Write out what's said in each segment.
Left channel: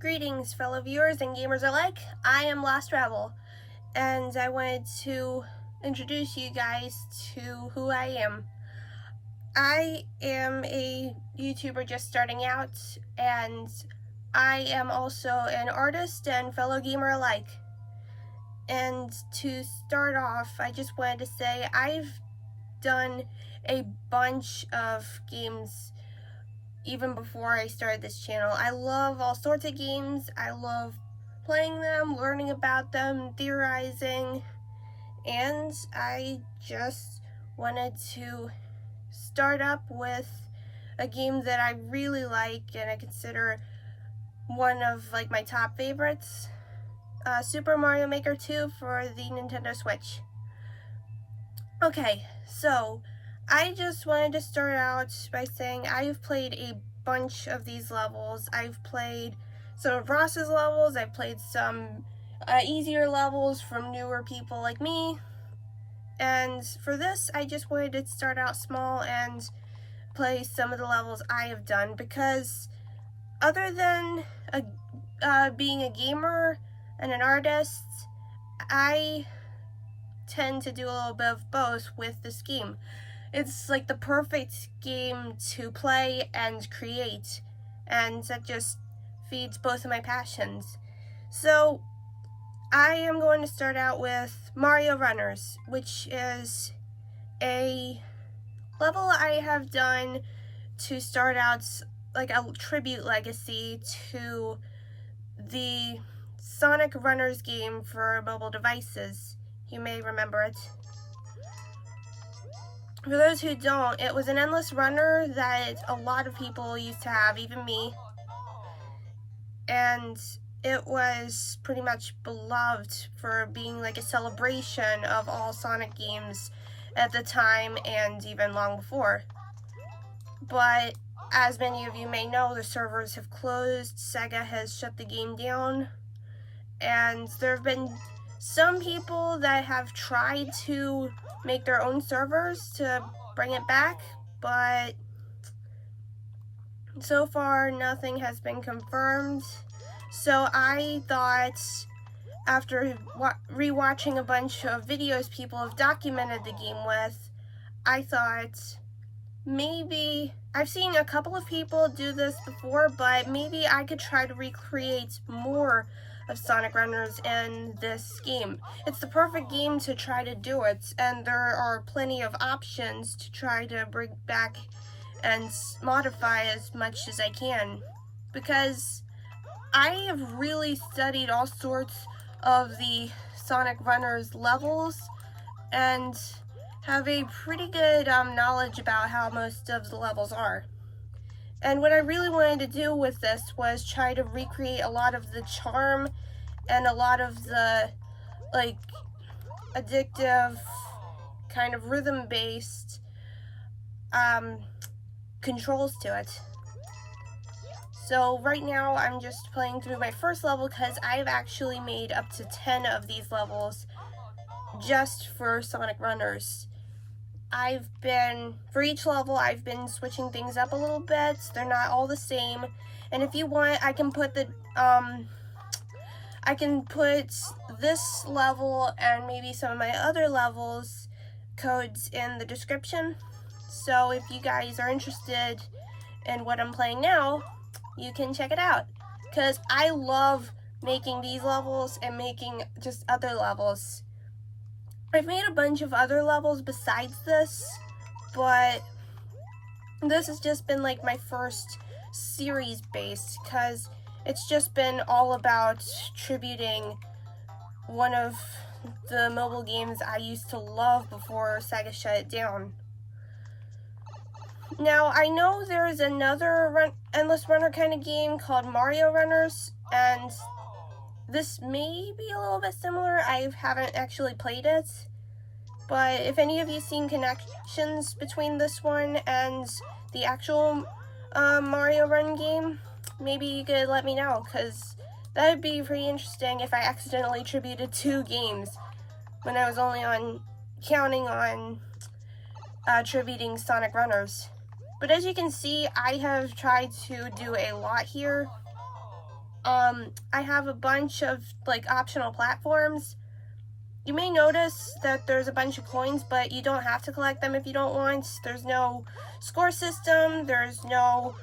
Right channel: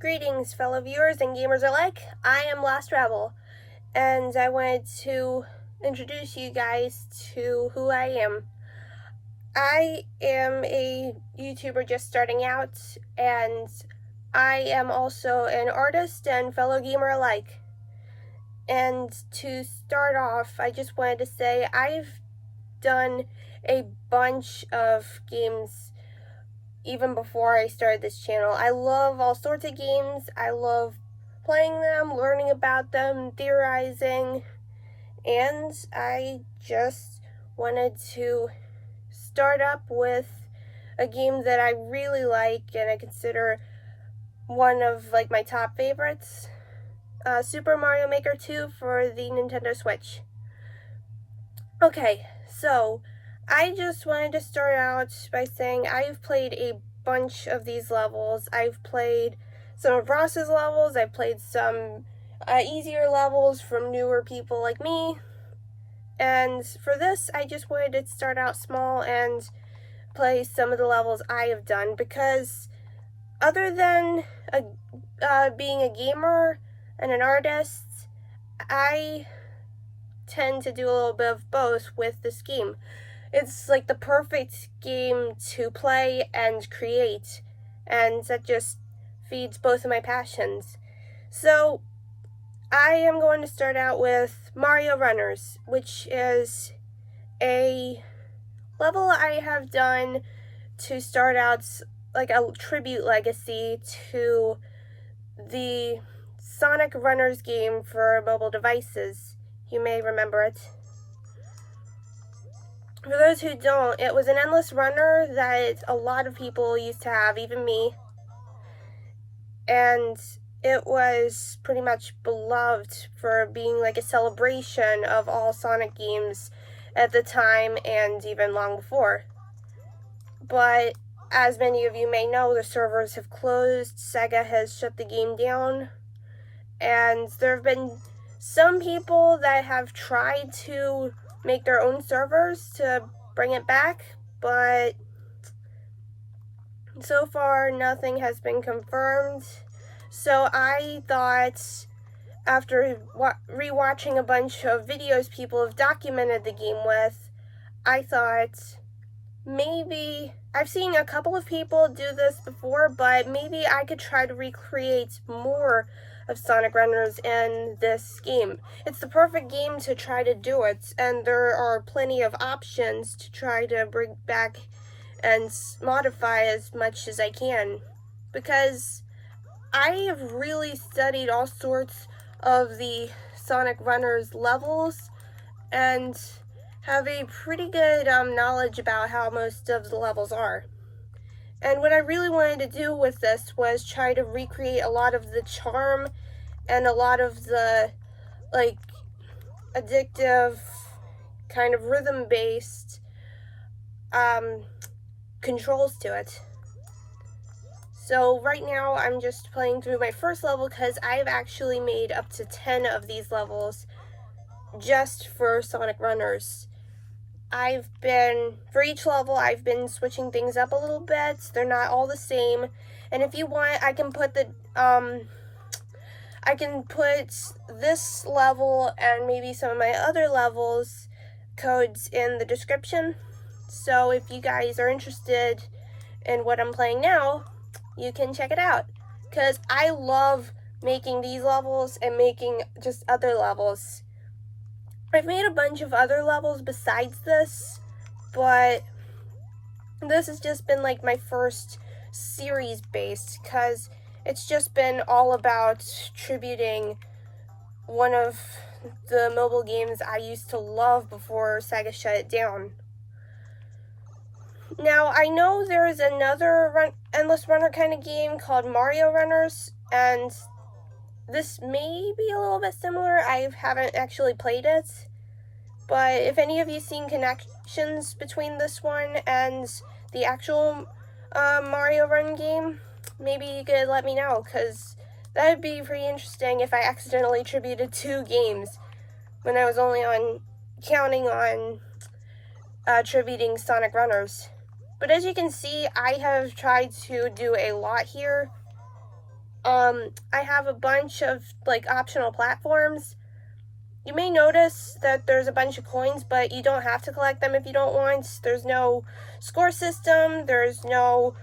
Greetings, fellow viewers and gamers alike. I am Lost Rebel, and I wanted to introduce you guys to who I am. I am a YouTuber just starting out, and I am also an artist and fellow gamer alike. And to start off, I just wanted to say I've done a bunch of games even before I started this channel. I love all sorts of games. I love playing them, learning about them, theorizing, and I just wanted to start up with a game that I really like and I consider one of my top favorites, Super Mario Maker 2 for the Nintendo Switch. Okay, so I just wanted to start out by saying I've played a bunch of these levels. I've played some of Ross's levels, I've played some easier levels from newer people like me, and for this I just wanted to start out small and play some of the levels I have done, because other than being a gamer and an artist, I tend to do a little bit of both with this game. It's like the perfect game to play and create, and that just feeds both of my passions. So I am going to start out with Mario Runners, which is a level I have done to start out like a tribute legacy to the Sonic Runners game for mobile devices. You may remember it. For those who don't, it was an endless runner that a lot of people used to have, even me. And it was pretty much beloved for being like a celebration of all Sonic games at the time and even long before. But as many of you may know, the servers have closed, Sega has shut the game down, and there have been some people that have tried to make their own servers to bring it back, but so far nothing has been confirmed. So I thought, after rewatching a bunch of videos people have documented the game with, I thought maybe, I've seen a couple of people do this before, but maybe I could try to recreate more of Sonic Runners in this game. It's the perfect game to try to do it, and there are plenty of options to try to bring back and modify as much as I can, because I have really studied all sorts of the Sonic Runners levels and have a pretty good knowledge about how most of the levels are. And what I really wanted to do with this was try to recreate a lot of the charm and a lot of the addictive kind of rhythm-based controls to it. So right now I'm just playing through my first level because I've actually made up to 10 of these levels just for Sonic Runners. For each level, I've been switching things up a little bit. They're not all the same. And if you want, I can put this level and maybe some of my other levels codes in the description. So if you guys are interested in what I'm playing now, you can check it out. Because I love making these levels and making just other levels. I've made a bunch of other levels besides this, but this has just been like my first series based, because it's just been all about tributing one of the mobile games I used to love before Sega shut it down. Now, I know there is another endless runner kind of game called Mario Runners, and this may be a little bit similar. I haven't actually played it, but if any of you seen connections between this one and the actual Mario Run game, maybe you could let me know, because that would be pretty interesting if I accidentally tributed 2 games when I was only counting on tributing Sonic Runners. But as you can see, I have tried to do a lot here. I have a bunch of like optional platforms. You may notice that there's a bunch of coins, but you don't have to collect them if you don't want. There's no score system, there's no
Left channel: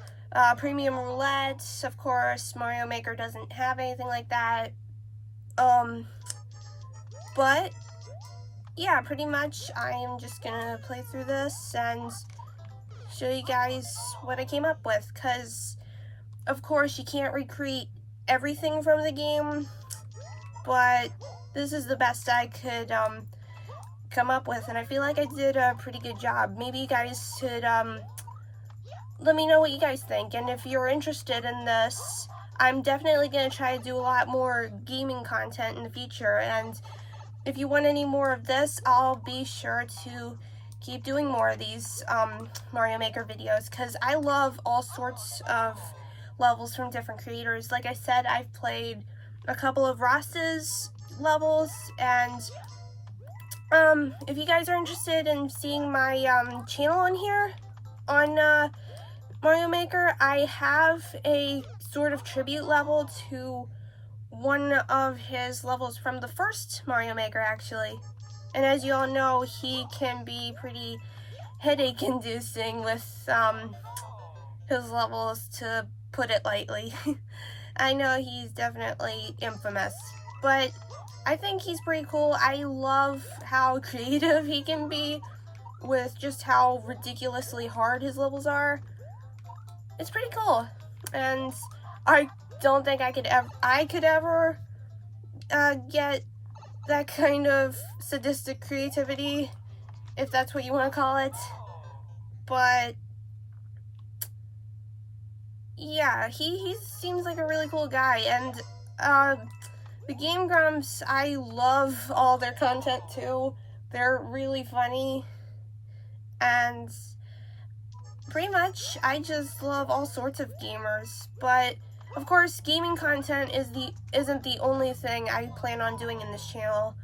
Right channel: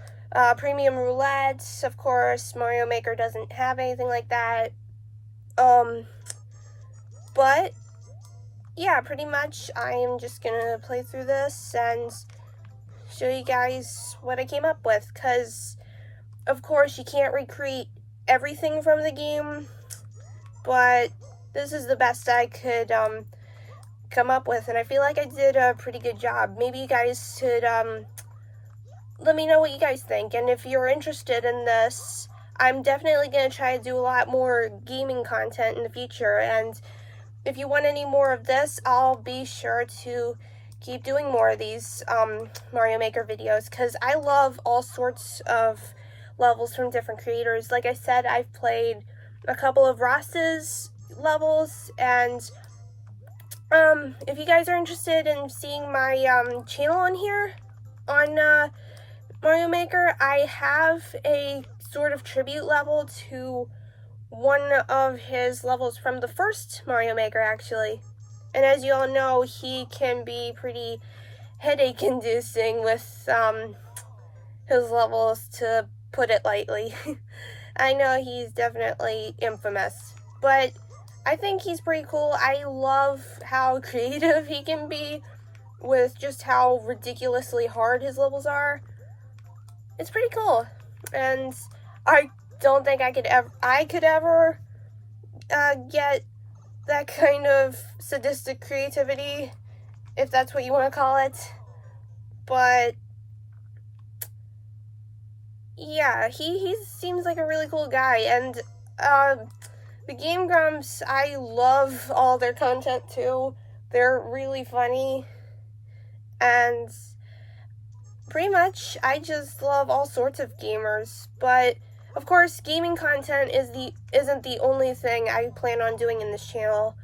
premium roulette. Of course, Mario Maker doesn't have anything like that. But yeah, pretty much I am just gonna play through this and show you guys what I came up with, because of course you can't recreate everything from the game, but this is the best I could come up with, and I feel like I did a pretty good job. Maybe you guys should let me know what you guys think, and if you're interested in this, I'm definitely going to try to do a lot more gaming content in the future, and if you want any more of this, I'll be sure to keep doing more of these Mario Maker videos, because I love all sorts of levels from different creators. Like I said, I've played a couple of Ross's levels, and if you guys are interested in seeing my channel on here on Mario Maker, I have a sort of tribute level to one of his levels from the first Mario Maker, actually. And as you all know, he can be pretty headache inducing with his levels, to put it lightly. I know he's definitely infamous, but I think he's pretty cool. I love how creative he can be with just how ridiculously hard his levels are. It's pretty cool, and I don't think I could ever get that kind of sadistic creativity, if that's what you want to call it. But yeah, he seems like a really cool guy, and the Game Grumps, I love all their content too. They're really funny, and pretty much I just love all sorts of gamers. But of course, gaming content isn't the only thing I plan on doing in this channel.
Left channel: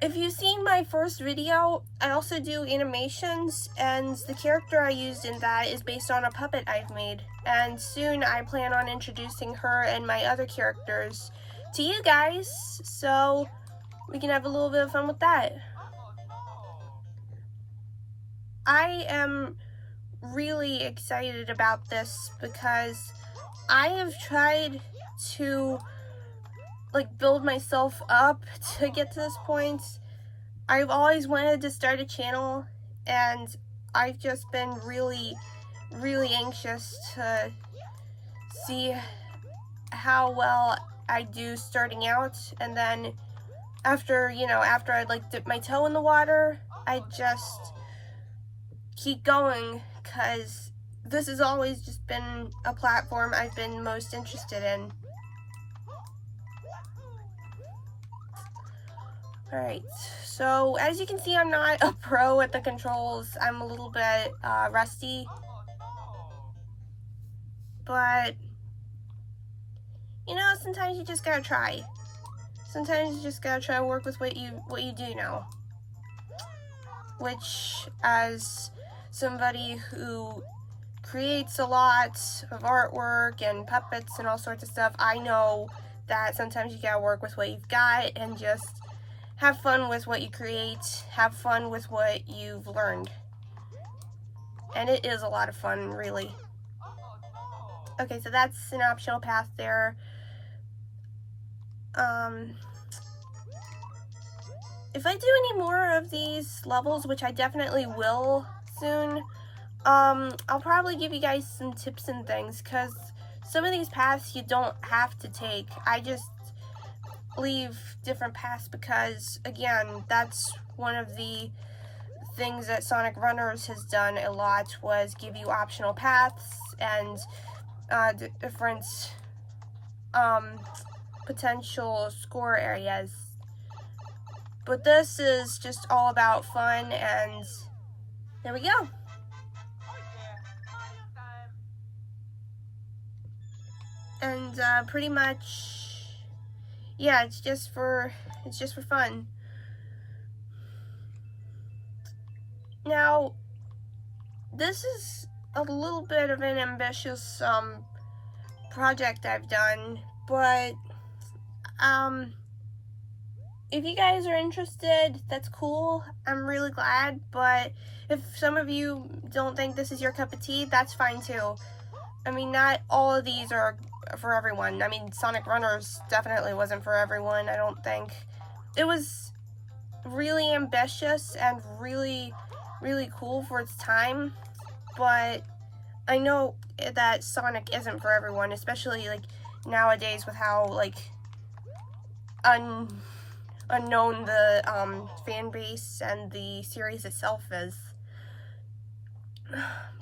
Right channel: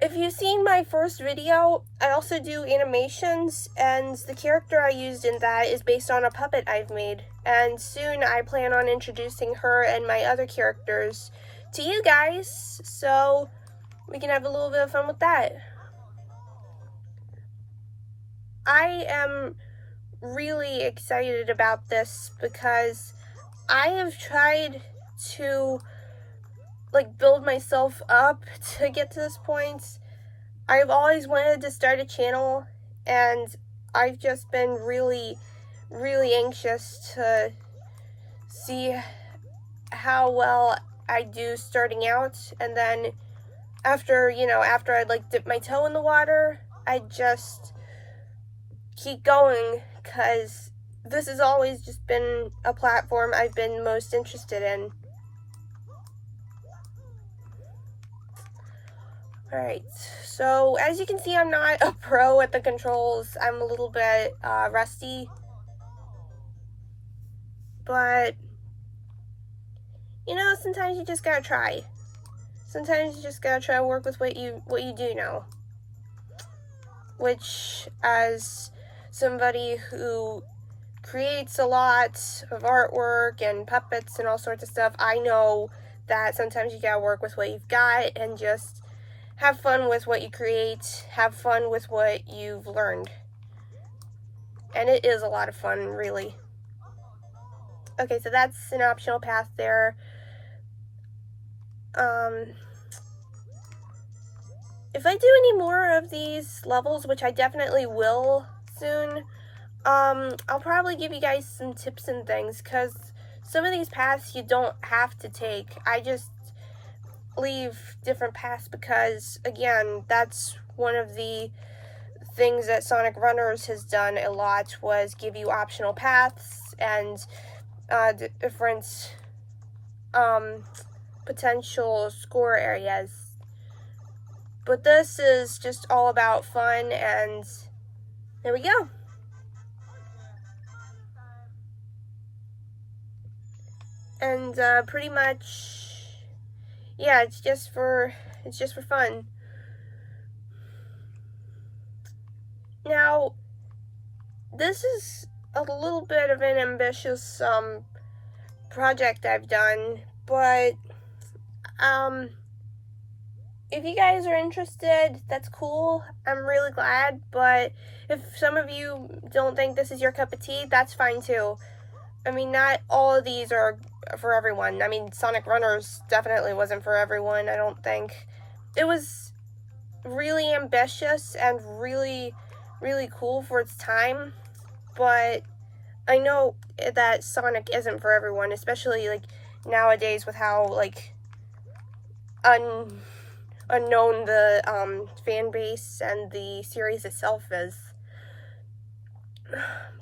If you've seen my first video, I also do animations, and the character I used in that is based on a puppet I've made. And soon I plan on introducing her and my other characters to you guys, so we can have a little bit of fun with that. I am really excited about this because I have tried to build myself up to get to this point. I've always wanted to start a channel, and I've just been really anxious to see how well I do starting out, and then after I dip my toe in the water, I just keep going, because this has always just been a platform I've been most interested in. Alright, so as you can see, I'm not a pro at the controls. I'm a little bit rusty, but sometimes you just gotta try. Sometimes you just gotta try to work with what you do know. Which, as somebody who creates a lot of artwork and puppets and all sorts of stuff, I know that sometimes you gotta work with what you've got and just have fun with what you create, have fun with what you've learned. And it is a lot of fun, really. Okay, so that's an optional path there. If I do any more of these levels, which I definitely will soon, I'll probably give you guys some tips and things, because some of these paths you don't have to take. I just leave different paths because, again, that's one of the things that Sonic Runners has done a lot, was give you optional paths and different potential score areas. But this is just all about fun, and there we go. And pretty much, yeah, it's just for fun. Now, this is a little bit of an ambitious project I've done, but if you guys are interested, that's cool. I'm really glad, but if some of you don't think this is your cup of tea, that's fine too. I mean, not all of these are for everyone. I mean, Sonic Runners definitely wasn't for everyone, I don't think. It was really ambitious and really, really cool for its time, but I know that Sonic isn't for everyone, especially, like, nowadays with how, like, unknown the fan base and the series itself is.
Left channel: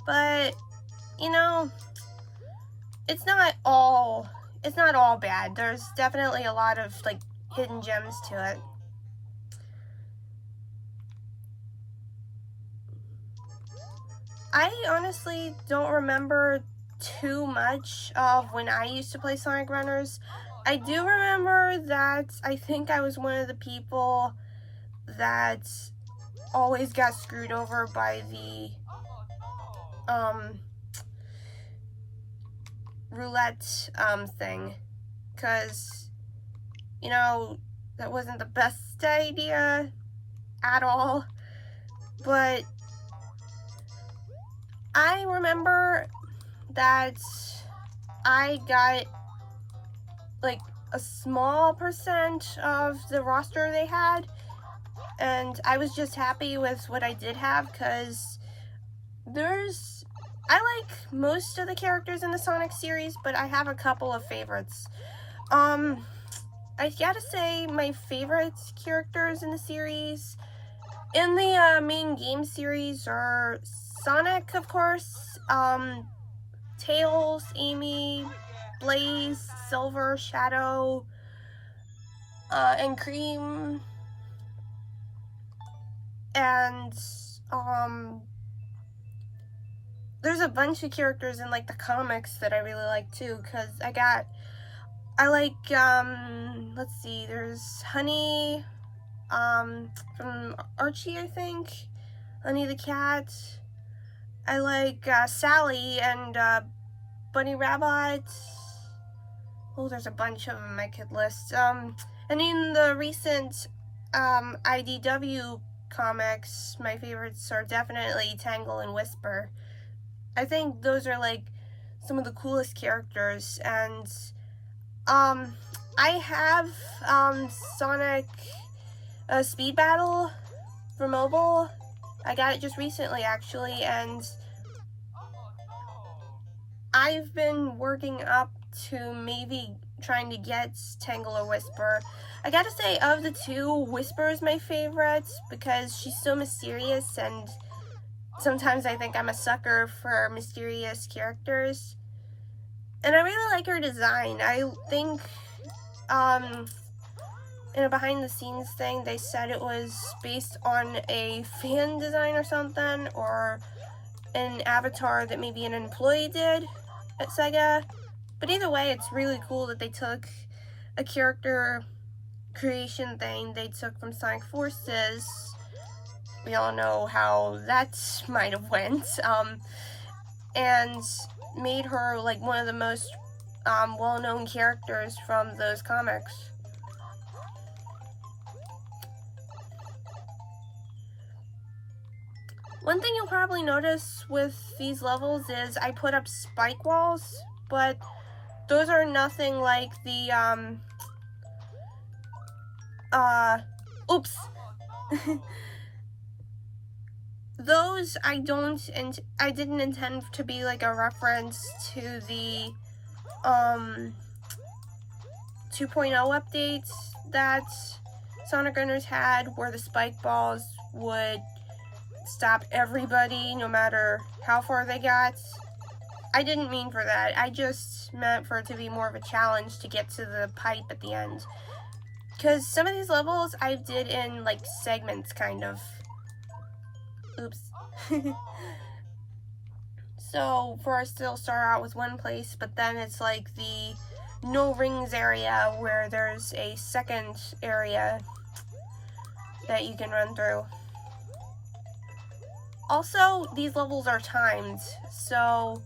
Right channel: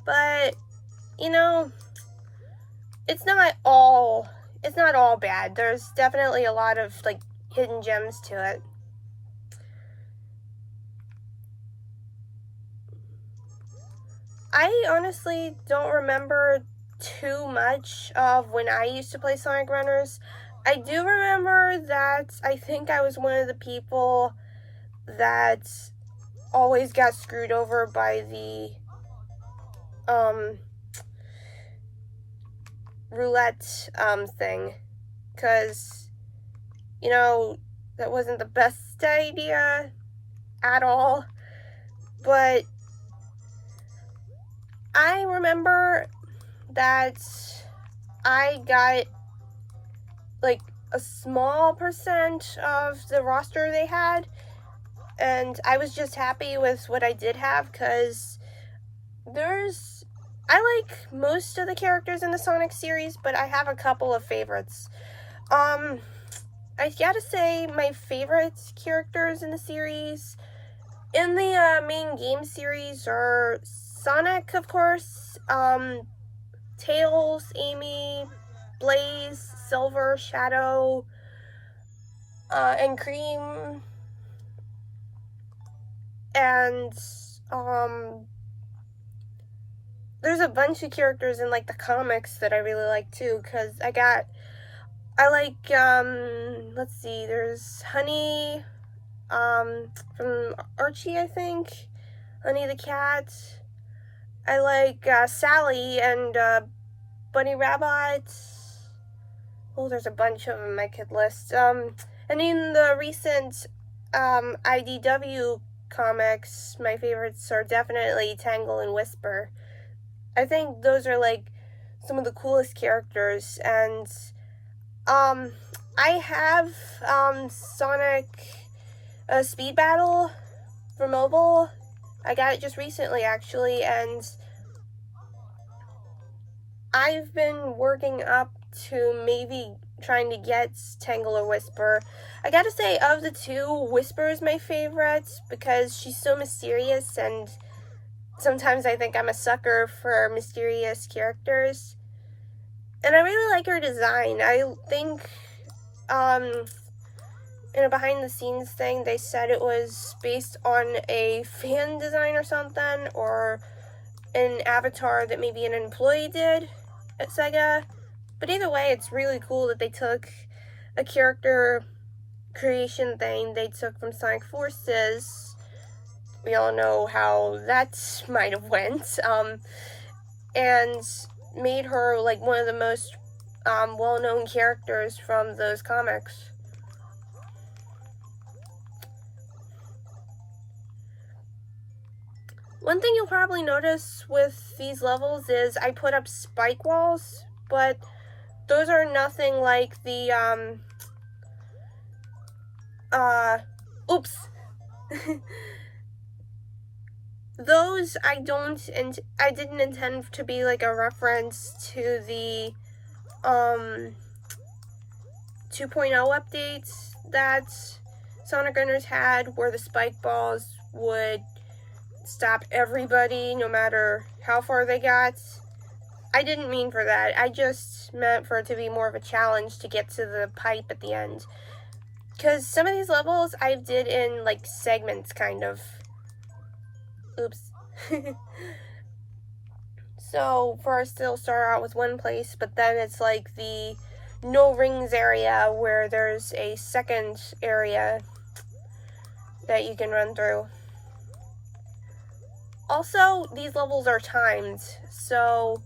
But, you know, it's not all bad. There's definitely a lot of, like, hidden gems to it. I honestly don't remember too much of when I used to play Sonic Runners. I do remember that I think I was one of the people that always got screwed over by the roulette thing, because, you know, that wasn't the best idea at all. But I remember that I got, like, a small percent of the roster they had, and I was just happy with what I did have, because I like most of the characters in the Sonic series, but I have a couple of favorites. I gotta say, my favorite characters in the series, in the main game series, are Sonic, of course, Tails, Amy, Blaze, Silver, Shadow, and Cream, and, there's a bunch of characters in, like, the comics that I really like, too, because I like, let's see, there's Honey, from Archie, I think, Honey the Cat. I like, Sally and, Bunny Rabbit. Oh, there's a bunch of them I could list. And in the recent, IDW comics, my favorites are definitely Tangle and Whisper. I think those are, like, some of the coolest characters, and, I have, Sonic, Speed Battle for mobile. I got it just recently, actually, and I've been working up to maybe trying to get Tangle or Whisper. I gotta say, of the two, Whisper is my favorite, because she's so mysterious, and sometimes I think I'm a sucker for mysterious characters. And I really like her design. I think, in a behind-the-scenes thing, they said it was based on a fan design or something, or an avatar that maybe an employee did at Sega. But either way, it's really cool that they took a character creation thing they took from Sonic Forces. We all know how that might have went, and made her, like, one of the most well-known characters from those comics. One thing you'll probably notice with these levels is I put up spike walls, but those are nothing like the, oops. Those I didn't intend to be, like, a reference to the, 2.0 updates that Sonic Runners had, where the spike balls would stop everybody no matter how far they got. I didn't mean for that. I just meant for it to be more of a challenge to get to the pipe at the end. Because some of these levels I did in, like, segments, kind of. Oops. So, first it'll start out with one place, but then it's like the no rings area where there's a second area that you can run through. Also, these levels are timed, so,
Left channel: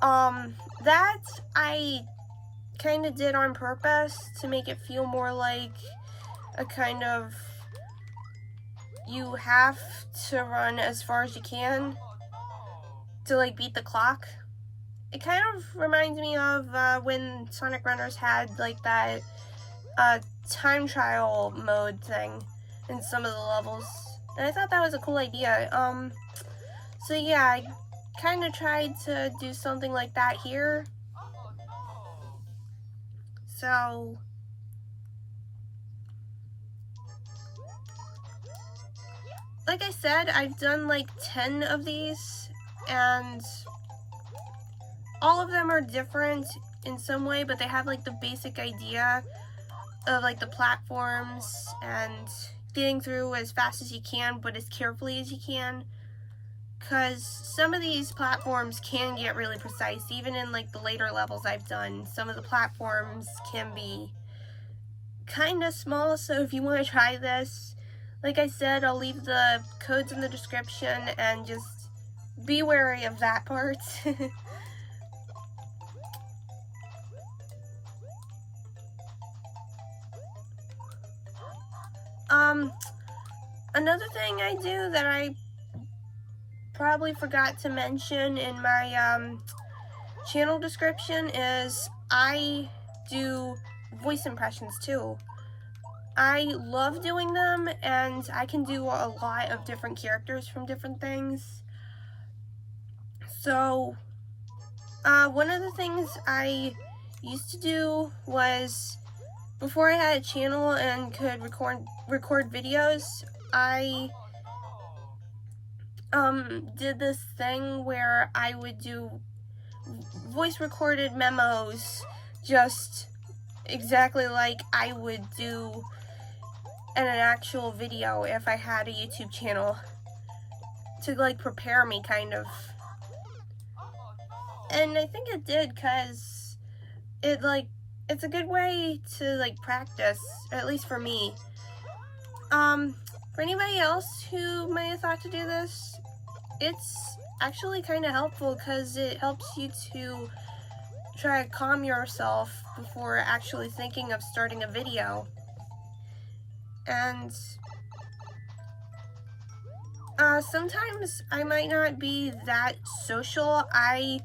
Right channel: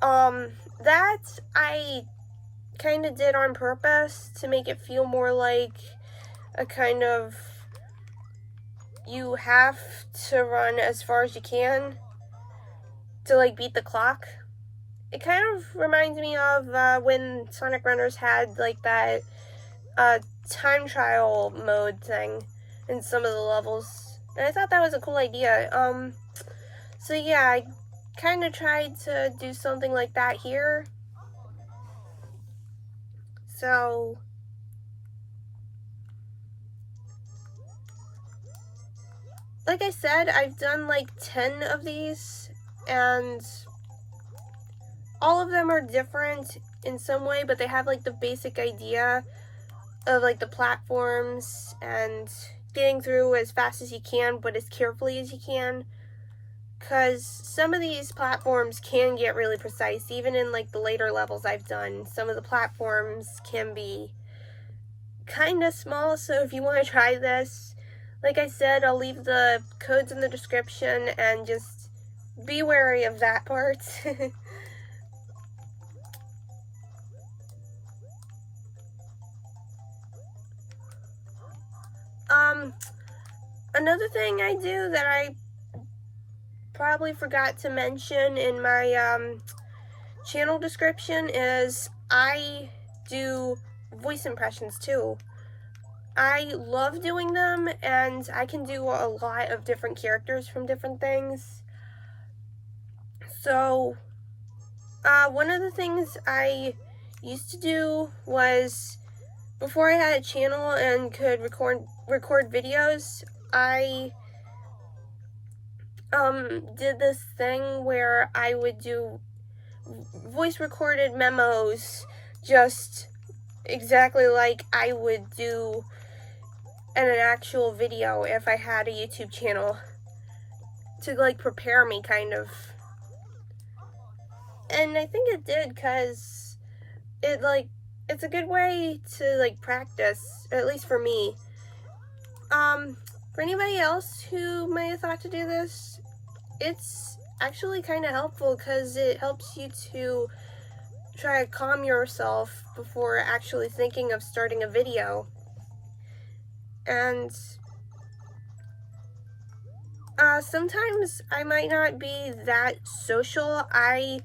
that I kind of did on purpose to make it feel more like a kind of, you have to run as far as you can to like beat the clock. It kind of reminds me of when Sonic Runners had like that time trial mode thing in some of the levels, and I thought that was a cool idea. So yeah, I kind of tried to do something like that here. So like I said, I've done like 10 of these, and all of them are different in some way, but they have like the basic idea of like the platforms and getting through as fast as you can, but as carefully as you can. Because some of these platforms can get really precise, even in like the later levels I've done. Some of the platforms can be kind of small, so if you want to try this, like I said, I'll leave the codes in the description, and just be wary of that part. Another thing I do that I probably forgot to mention in my channel description is I do voice impressions too. I love doing them, and I can do a lot of different characters from different things. So one of the things I used to do was, before I had a channel and could record videos, I did this thing where I would do voice recorded memos just exactly like I would do in an actual video if I had a YouTube channel, to like prepare me kind of. And I think it did, because it's a good way to like practice, at least for me. For anybody else who might have thought to do this, it's actually kind of helpful, because it helps you to try to calm yourself before actually thinking of starting a video. And sometimes I might not be that social. I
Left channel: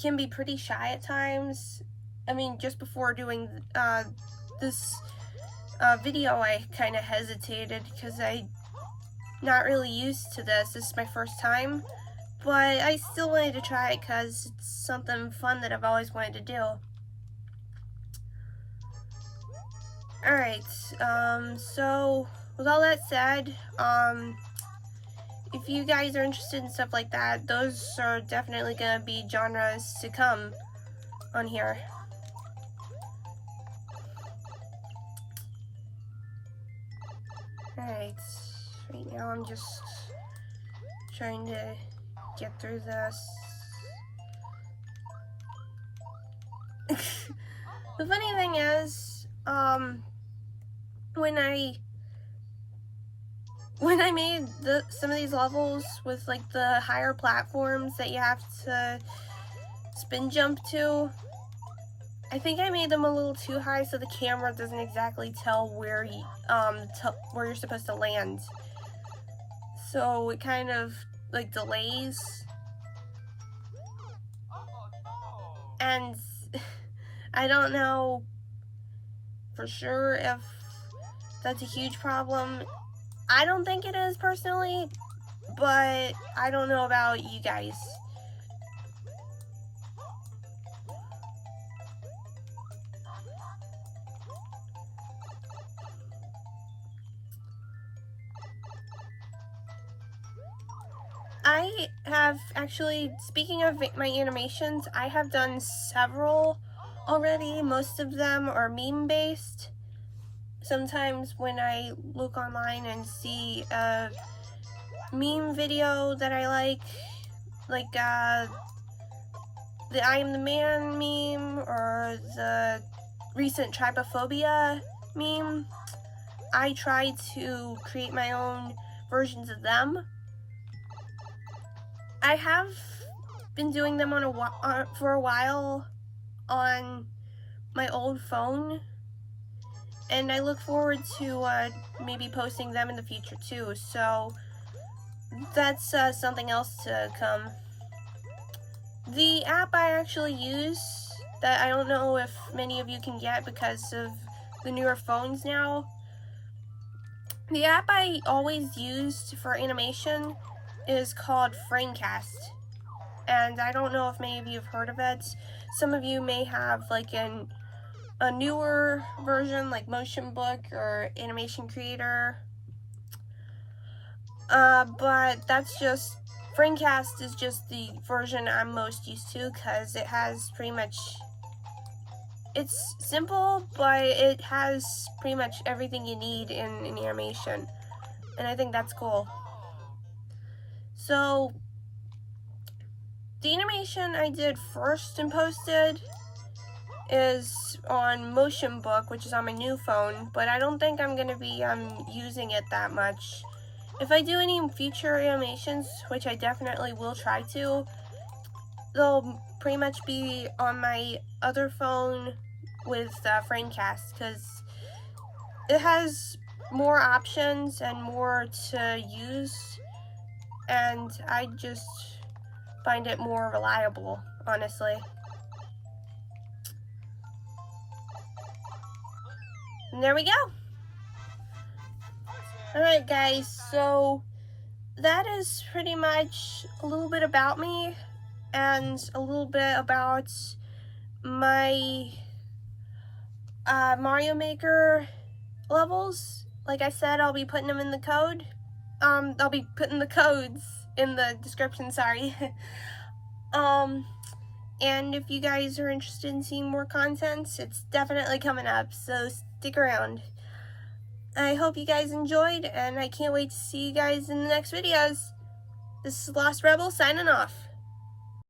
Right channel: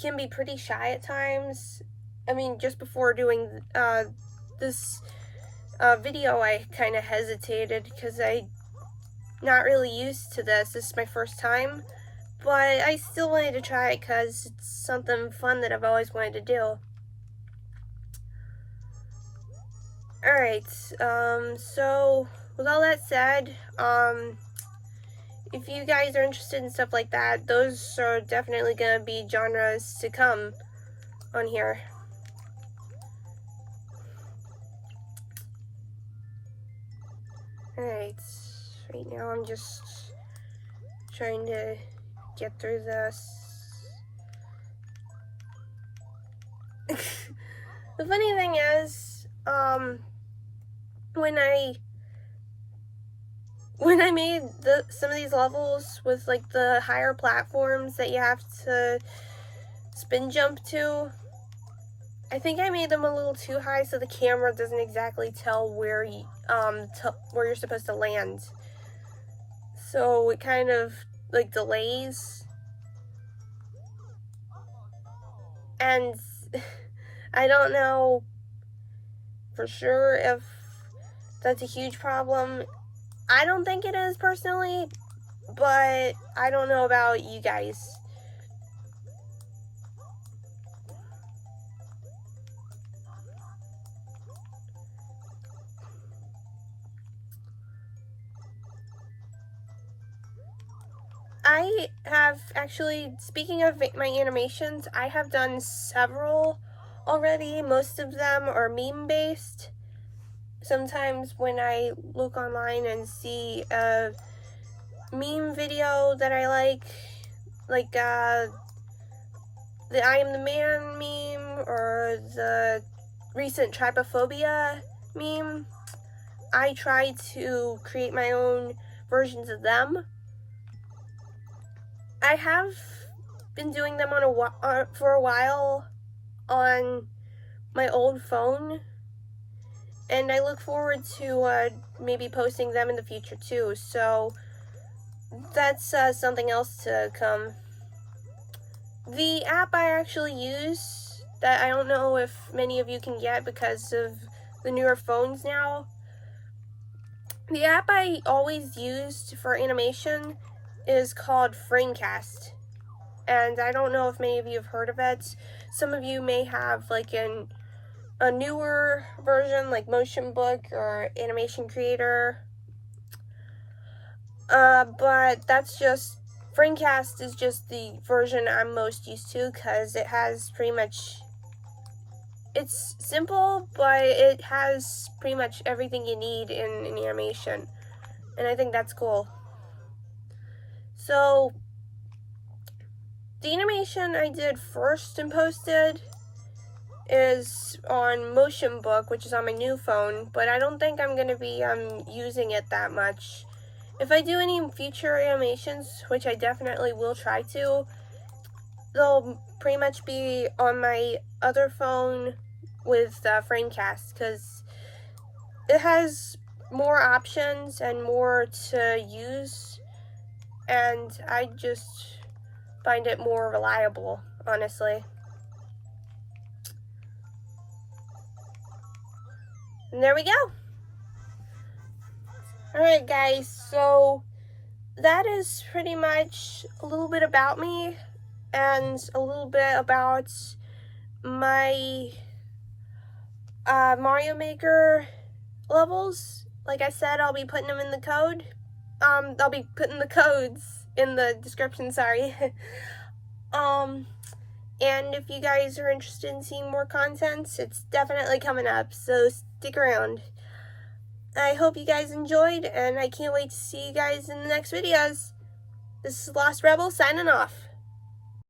can be pretty shy at times. I mean, just before doing this video, I kind of hesitated because I'm not really used to this. This is my first time, but I still wanted to try it because it's something fun that I've always wanted to do. Alright, so with all that said, if you guys are interested in stuff like that, those are definitely going to be genres to come on here. Alright, right now I'm just trying to get through this. The funny thing is, when I made some of these levels with like the higher platforms that you have to spin jump to, I think I made them a little too high, so the camera doesn't exactly tell where you're supposed to land. So it kind of like delays. And I don't know for sure if that's a huge problem. I don't think it is personally, but I don't know about you guys. I have actually, speaking of my animations, I have done several already. Most of them are meme based. Sometimes when I look online and see a meme video that I like the I Am the Man meme or the recent Trypophobia meme, I try to create my own versions of them. I have been doing them for a while on my old phone, and I look forward to maybe posting them in the future too. So that's something else to come. The app I actually use that I don't know if many of you can get because of the newer phones now. The app I always used for animation is called Framecast, and I don't know if many of you have heard of it. Some of you may have like a newer version like Motionbook or Animation Creator, but that's just, Framecast is just the version I'm most used to because it has pretty much, it's simple, but it has pretty much everything you need in animation, and I think that's cool. So the animation I did first and posted is on Motionbook, which is on my new phone, but I don't think I'm going to be using it that much. If I do any future animations, which I definitely will try to, they'll pretty much be on my other phone with Framecast, because it has more options and more to use, and I just find it more reliable, honestly. And there we go. Alright guys, so that is pretty much a little bit about me and a little bit about my Mario Maker levels. Like I said, I'll be putting them in the code. I'll be putting the codes in the description, sorry. And if you guys are interested in seeing more content, it's definitely coming up, so stick around. I hope you guys enjoyed, and I can't wait to see you guys in the next videos. This is Lost Rebel signing off.